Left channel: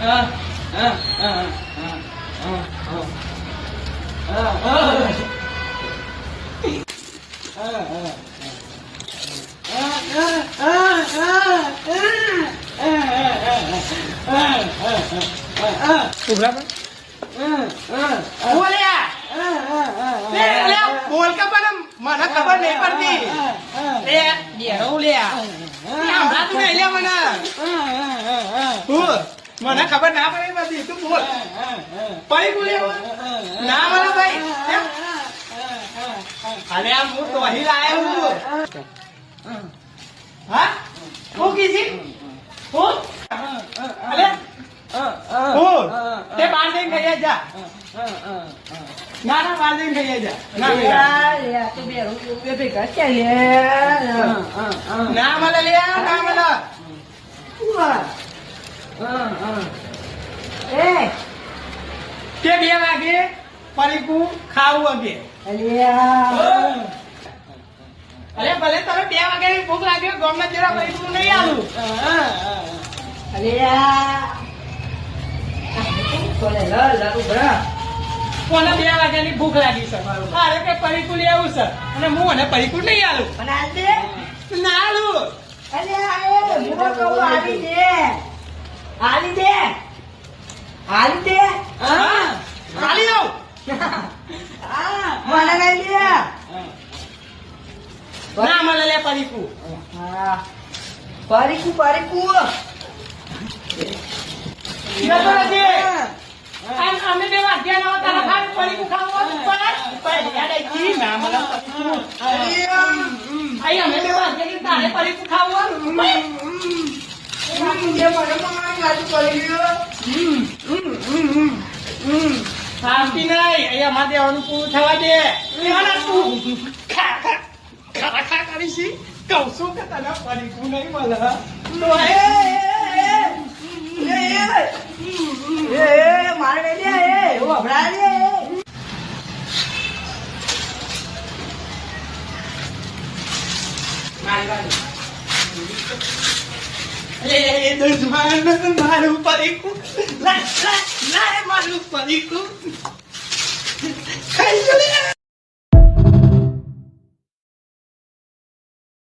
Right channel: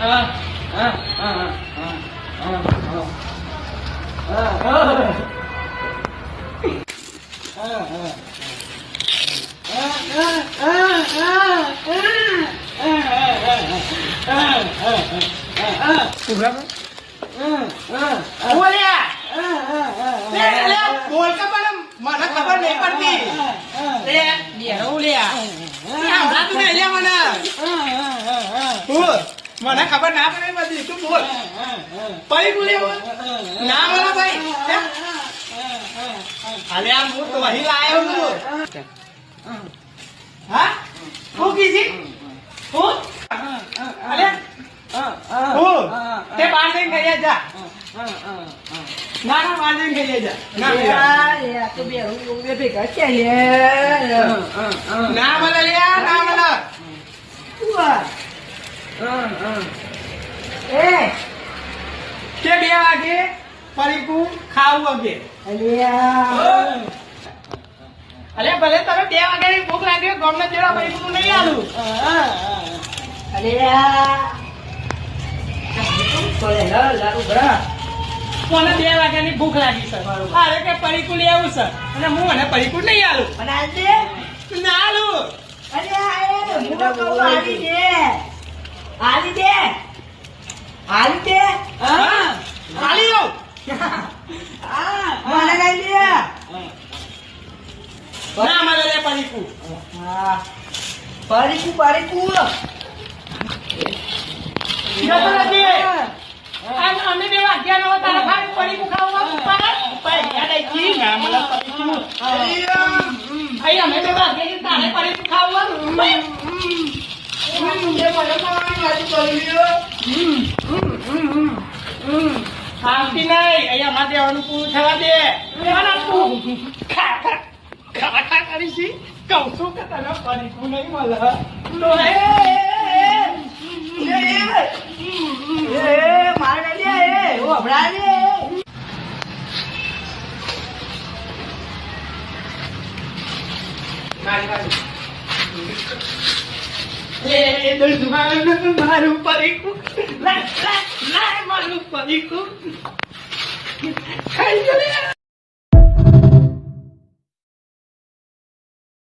બોલ કે પણ મને ખબર નહીં પડતી મને ખબર ના પડે બધી તું બોલ પડી બોલે ના મને ભાઈ અરે આ હું તો અહીં લાયો છું હા હું કીધી હું અરે હું તે બહાર જઈને ખાઈ જા ના બહાર જઈને ખાઈ જા તો બે ભેગા છે ના મને લે ના મને કે 2 વાગે પરીકું ખાવું વાગે અલે ભલે તમે 2 વાગે ભૂખ લાગે ગમે તેરા પરીકું નહીં આલું કોને 2 વાગ્યાની ભૂખ લાગી છે અરે કે પરીકું લઈ આવું છે અને હું મને પરીકું નહીં આલું ના આલું અમે 2 વાગ્યા તારા ભાઈ પરીકું ખાવાનું અમે 2 વાગ્યાની તારે પરીકું ખાવાનું શાંતિ નહીં અહીંયા માટે અનુકૂળ થવા દે ખા કરીશી કહું છું કે તને પરીકું નહીં મળે મારું પરીકું મારું પરીકું